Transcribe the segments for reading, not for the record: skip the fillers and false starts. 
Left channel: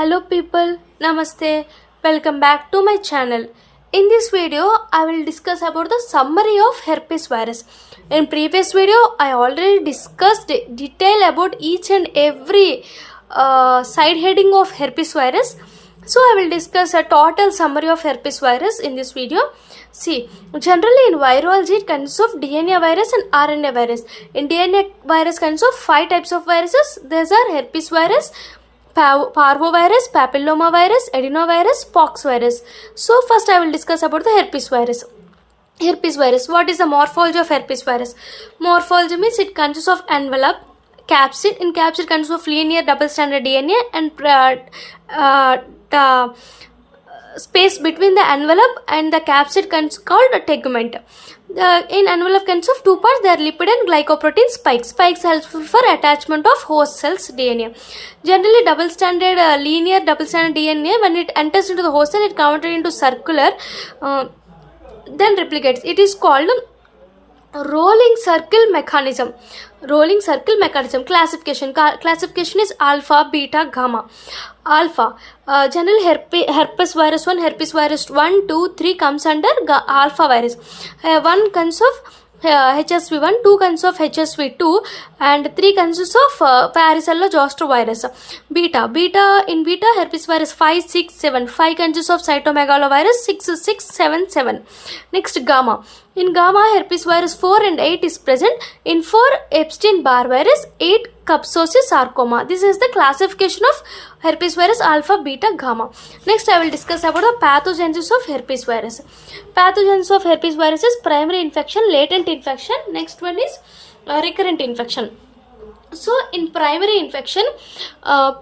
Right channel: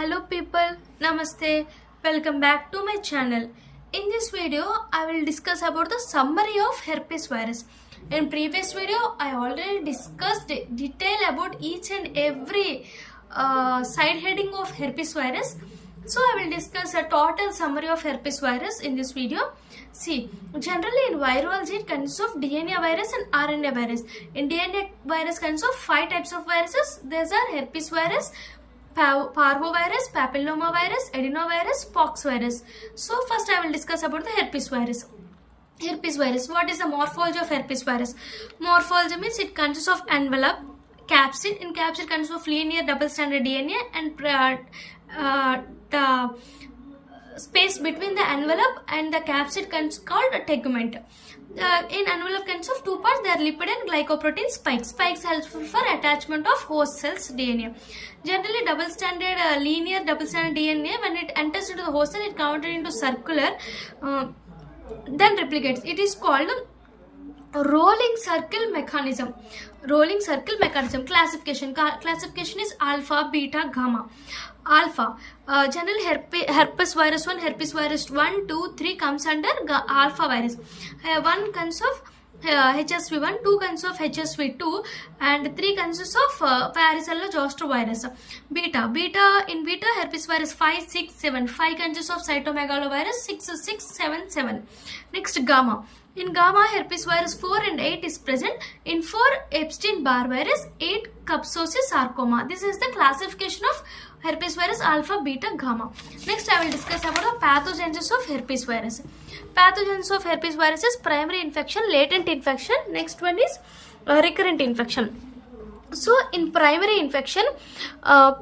Hello people, Namaste, welcome back to my channel. In this video, I will discuss about the summary of herpes virus. In previous video, I already discussed detail about each and every side heading of herpes virus. So I will discuss a total summary of herpes virus in this video. See, generally in virology it consists of DNA virus and RNA virus. In DNA virus consists of 5 types of viruses. These are herpes virus, parvovirus, papillomavirus, adenovirus, pox virus. So first I will discuss about the herpes virus. Herpes virus. What is the morphology of herpes virus? Morphology means it consists of envelope, capsid. In capsid consists of linear double-stranded DNA and the space between the envelope and the capsid called a tegument. In envelope consists of 2 parts. They are lipid and glycoprotein spikes. Spikes help for attachment of host cells DNA. Generally, linear double-stranded DNA, when it enters into the host cell, it converted into circular, then replicates. It is called rolling circle mechanism. Classification is alpha, beta, gamma. Alpha, general herpes virus 1, herpes virus 1, 2, 3 comes under alpha virus. 1 consists of HSV1, 2 consists of HSV2 and 3 consists of varicella zoster virus. Beta herpes virus 5, 6, 7. 5 consists of cytomegalovirus 6, 6, 7, 7. Next, gamma. In gamma, herpes virus 4 and 8 is present. In 4, Epstein-Barr virus, 8, Kaposi sarcoma. This is the classification of herpes virus alpha, beta, gamma. Next, I will discuss about the pathogenesis of herpes virus. Pathogenesis of herpes virus is primary infection, latent infection. Next one is recurrent infection. So in primary infection, how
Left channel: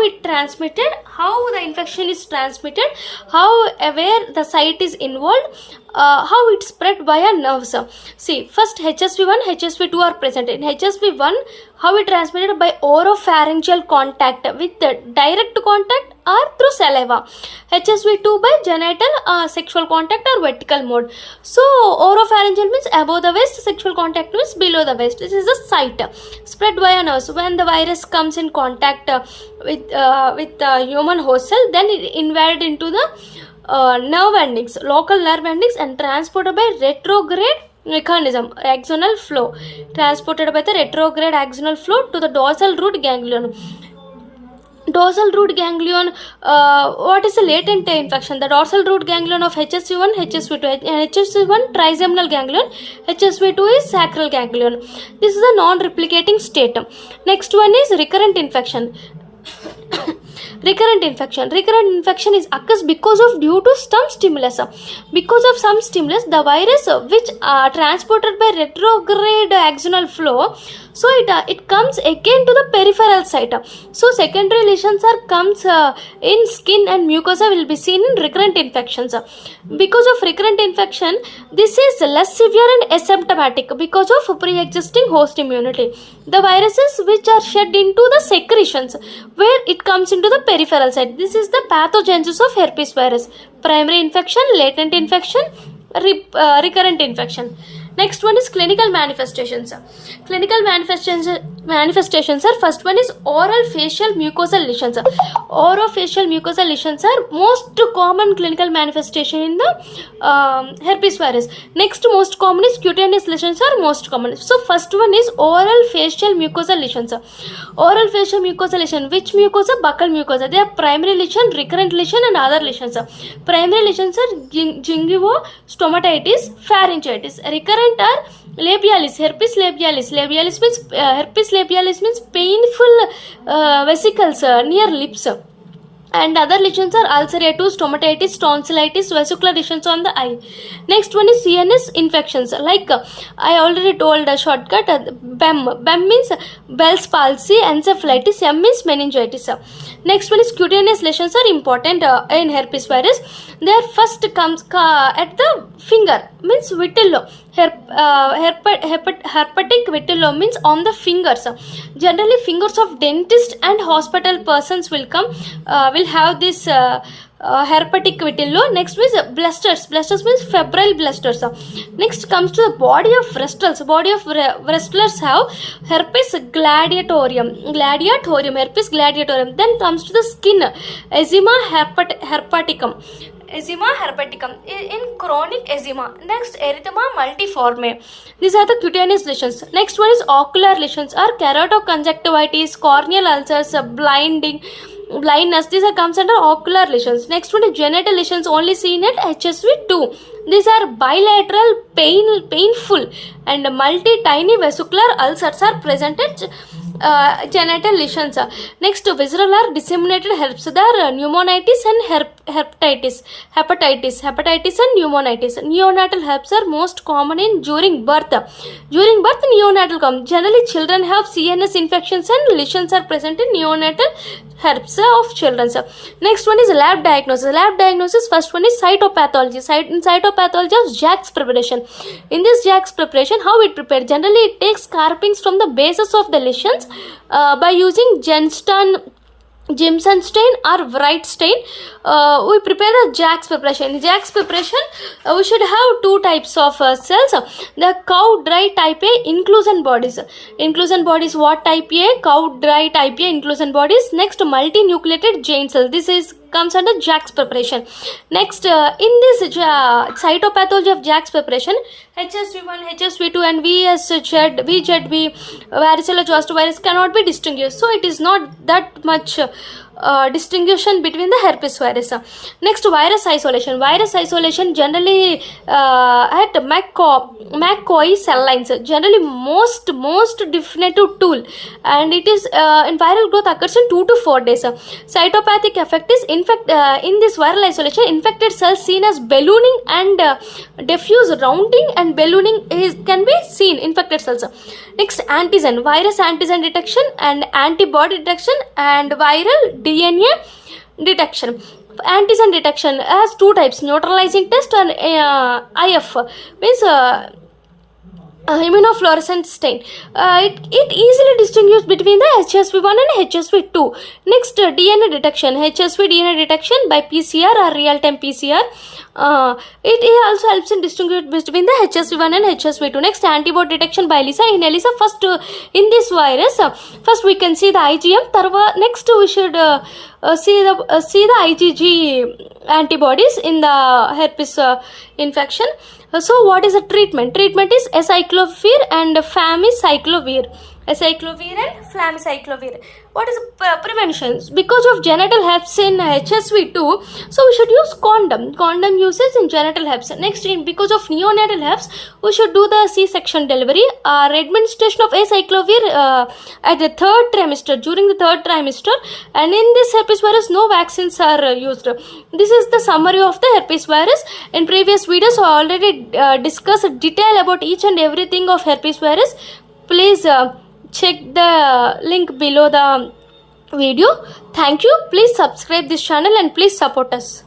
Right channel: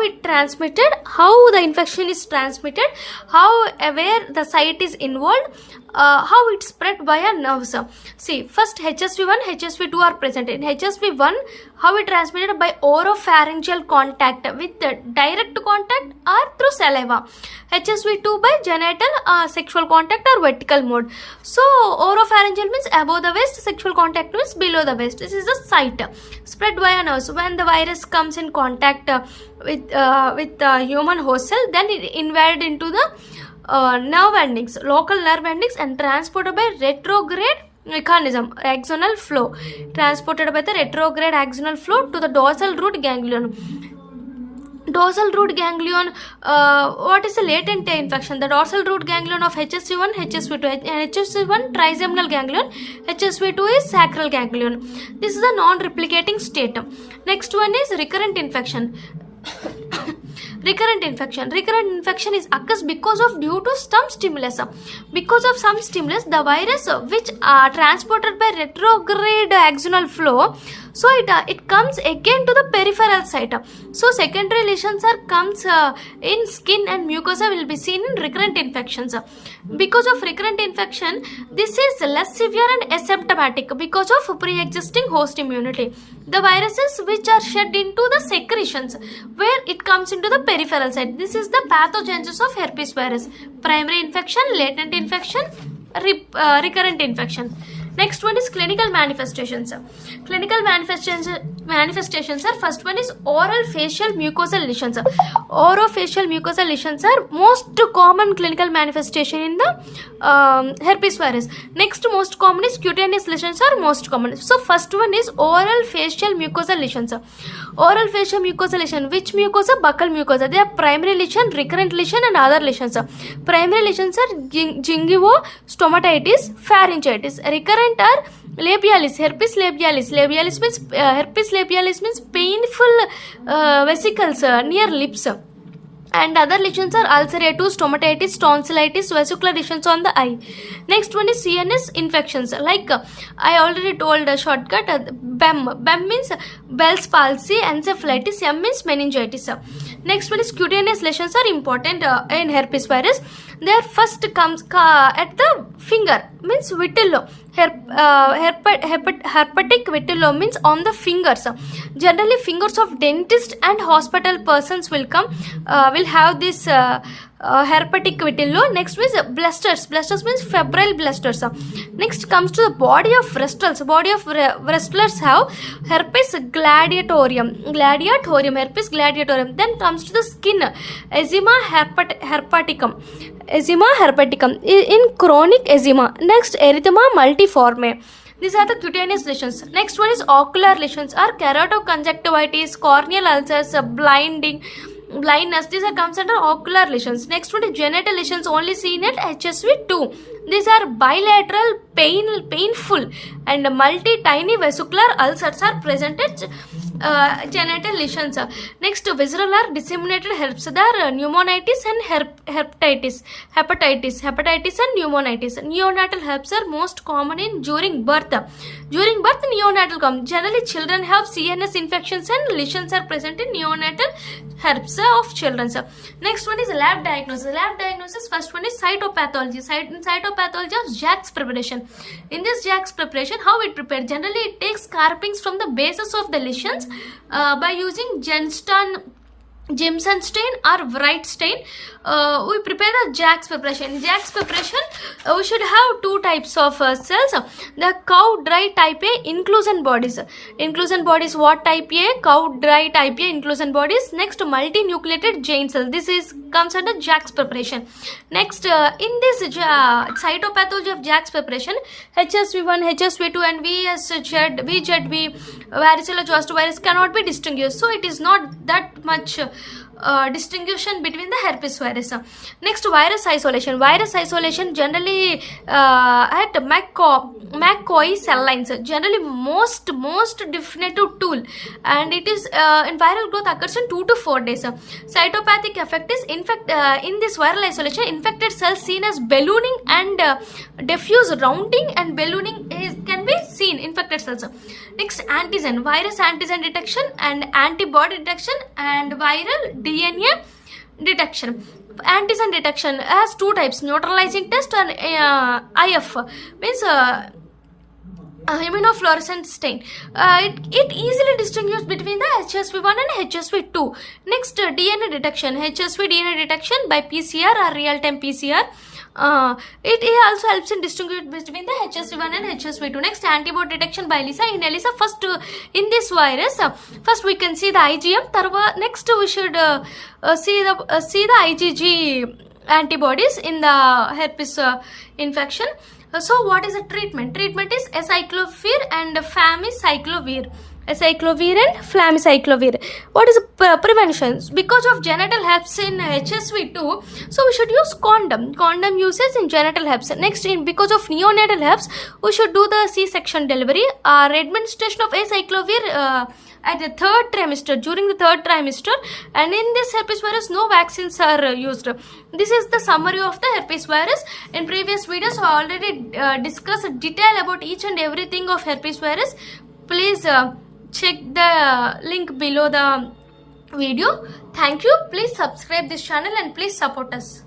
it transmitted, how the infection is transmitted, where the site is involved, how it spread via nerves. See, first HSV1, HSV2 are present. In HSV1, how it transmitted by oropharyngeal contact with direct contact or through saliva. HSV2 by genital sexual contact or vertical mode. So oropharyngeal means above the waist, sexual contact means below the waist. This is the site. Spread via nerves. When the virus comes in contact with the human host cell, then it invaded into the nerve endings, local nerve endings, and transported by retrograde mechanism, axonal flow. Transported by the retrograde axonal flow to the dorsal root ganglion. Dorsal root ganglion, what is the latent infection? The dorsal root ganglion of HSV1, HSV2. HSV1 trigeminal ganglion, HSV2 is sacral ganglion. This is a non-replicating state. Next one is recurrent infection. Recurrent infection is occurs because of due to some stimulus. Because of some stimulus, the virus which transported by retrograde axonal flow, so it comes again to the peripheral site. So secondary lesions comes in skin and mucosa will be seen in recurrent infections. Because of recurrent infection, this is less severe and asymptomatic because of pre-existing host immunity. The viruses which are shed into the secretions where it comes into the peripheral site. This is the pathogenesis of herpes virus. Primary infection, latent infection, recurrent infection. Next one is clinical manifestations. Clinical manifestations are, first one is oral facial mucosal lesions. Orofacial mucosal lesions are most common clinical manifestation in the herpes virus. Next most common is cutaneous lesions are most common. So first one is oral facial mucosal lesions. Oral facial mucosal lesion. Which mucosa? Buccal mucosa. They are primary lesion, recurrent lesion and other lesions. Primary lesions are gingivostomatitis, pharyngitis. Recurrent are labialis, herpes labialis. Herpes labialis means painful vesicles near lips. And other lesions are ulcerative, stomatitis, tonsillitis, vesicular lesions on the eye. Next one is CNS infections. Like I already told a shortcut, BEM. BEM means Bell's palsy, encephalitis. M means meningitis. Next one is cutaneous lesions are important in herpes virus. Their first comes at the finger, means vitiligo. Herpetic vitiligo means on the fingers. Generally, fingers of dentist and hospital persons will have this herpetic vitiligo. Next is blisters. Blisters means febrile blisters. Next comes to the body of wrestlers. Body of wrestlers have herpes gladiatorum. Herpes gladiatorum. Then comes to the skin. Eczema herpeticum. Eczema herpeticum in chronic eczema. Next, erythema multiforme. These are the cutaneous lesions. Next one is ocular lesions or keratoconjunctivitis, corneal ulcers, blindness. These are comes under ocular lesions. Next one is genital lesions only seen at HSV2. These are bilateral painful and multi-tiny vesicular ulcers are present at genital lesions. Next, visceral or disseminated herpes. There are pneumonitis and hepatitis and pneumonitis. Neonatal herpes are most common during birth. During birth, neonatal come. Generally, children have CNS infections and lesions are present in neonatal herpes of children. Next one is lab diagnosis. Lab diagnosis, first one is cytopathology. Cytopathology of Jack's preparation. In this Jack's preparation, how it prepared? Generally, it takes carpings from the bases of the lesions by using Jimson stain or Wright stain. We prepare the Jack's preparation. In Jack's preparation, we should have two types of cells. The cow dry type A inclusion bodies. Inclusion bodies, what type A? Cow dry type A inclusion bodies. Next, multinucleated giant cell. This comes under Jack's preparation. Next, in this cytopathology of Jack's preparation, HSV1, HSV2 and VZV, varicella zoster virus cannot be distinguished. So it is not that much distinction between the herpes virus. Next, virus isolation. Virus isolation generally at McCoy cell lines. Generally most definitive tool, and it is in viral growth occurs in 2 to 4 days. Cytopathic effect is in this viral isolation, infected cells seen as ballooning and diffuse rounding and ballooning can be seen infected cells. Next, antigen. Virus antigen detection and antibody detection and viral DNA detection. Antigen detection has two types: neutralizing test and IF means immunofluorescent stain. It easily distinguishes between the HSV1 and HSV2. Next, DNA detection. HSV DNA detection by PCR or real-time PCR. It also helps in distinguish between the HSV1 and HSV2. Next, antibody detection by ELISA. In ELISA, first in this virus, first we can see the IgM. Next, we should see the IgG antibodies in the herpes infection. So, what is the treatment? Treatment is acyclovir and famiciclovir. Acyclovir and flamicyclovir. What is prevention? Because of genital herpes in HSV2, so we should use condom. Condom uses in genital herpes. Next, because of neonatal herpes, we should do the C-section delivery. Administration of acyclovir at the third trimester, during the third trimester, and in this herpes virus, no vaccines are used. This is the summary of the herpes virus. In previous videos, I already discussed detail about each and everything of herpes virus. Please check the link below the video. Thank you. Please subscribe this channel and please support us.